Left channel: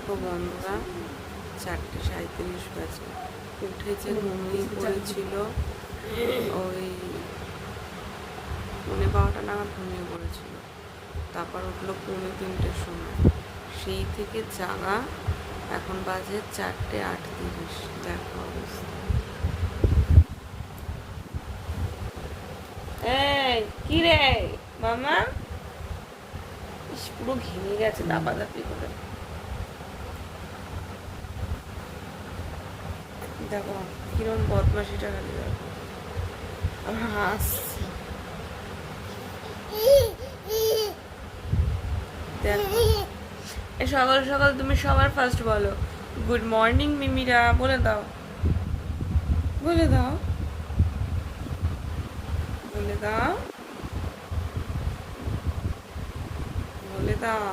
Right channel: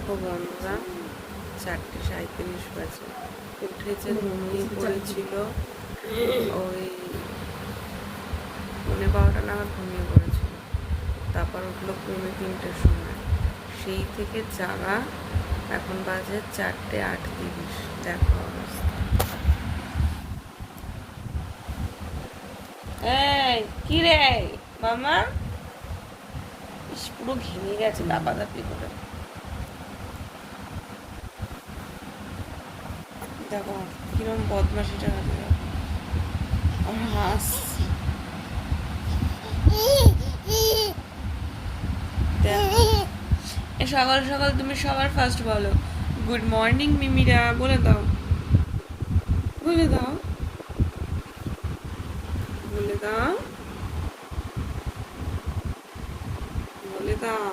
দেখো বন্ধুরা, 4:37 বাজে। উঠেছে, ঘুমিয়ে পড়েছিল ওই 12:15 নাগাদ ঘুমিয়ে পড়েছিল। তারপর উঠলো 2:45-র সময়। সেই থেকে জাগা, এখন বাজে 4:38। দেখো অবস্থা। এই কি রে মামা, পুরো ঘেমে গেছে দাপাদাপি করে। দেখো কিরম বদমাসিটা খালি আর হাসছি। সকাল সকাল তুমি সবার ফার্স্ট বলো গুড মর্নিং মিমিরা, বলে দাও, বলে দাও, বলে দাও, বলে দাও।